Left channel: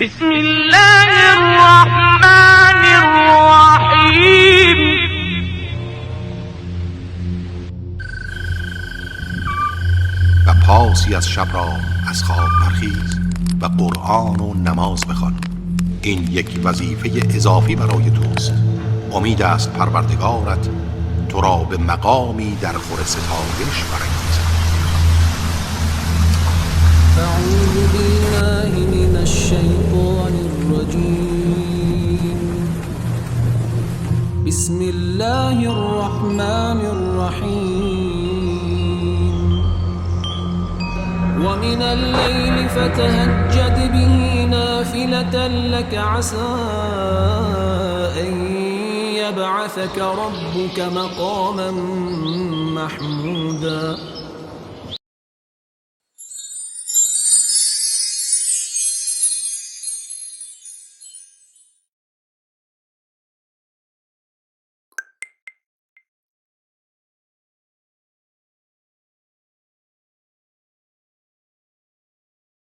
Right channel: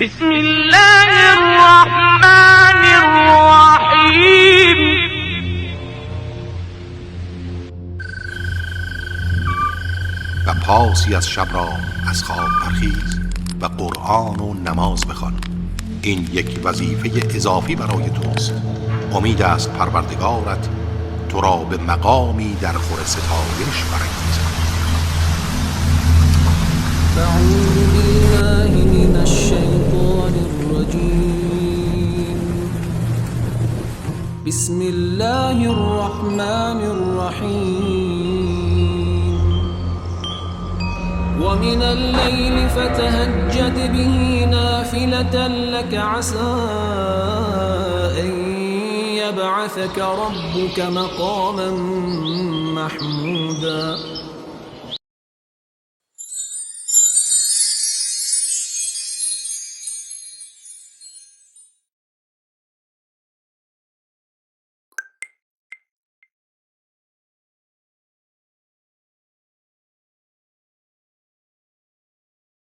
بسم الله الرحمن الرحیم. و پاسی از شب را از خواب برخیز و قرآن و نماز بخوان. این یک وظیفه اضافی برای توست. امید است پروردگارت تو را به مقامی در خور ستایش برانگیزد. اعوذ بالله من الشیطان الرجیم. بسم الله الرحمن الرحیم. ومن الليل فتهجد به نافلة لك عسى أن يبعثك ربك مقاما محمودا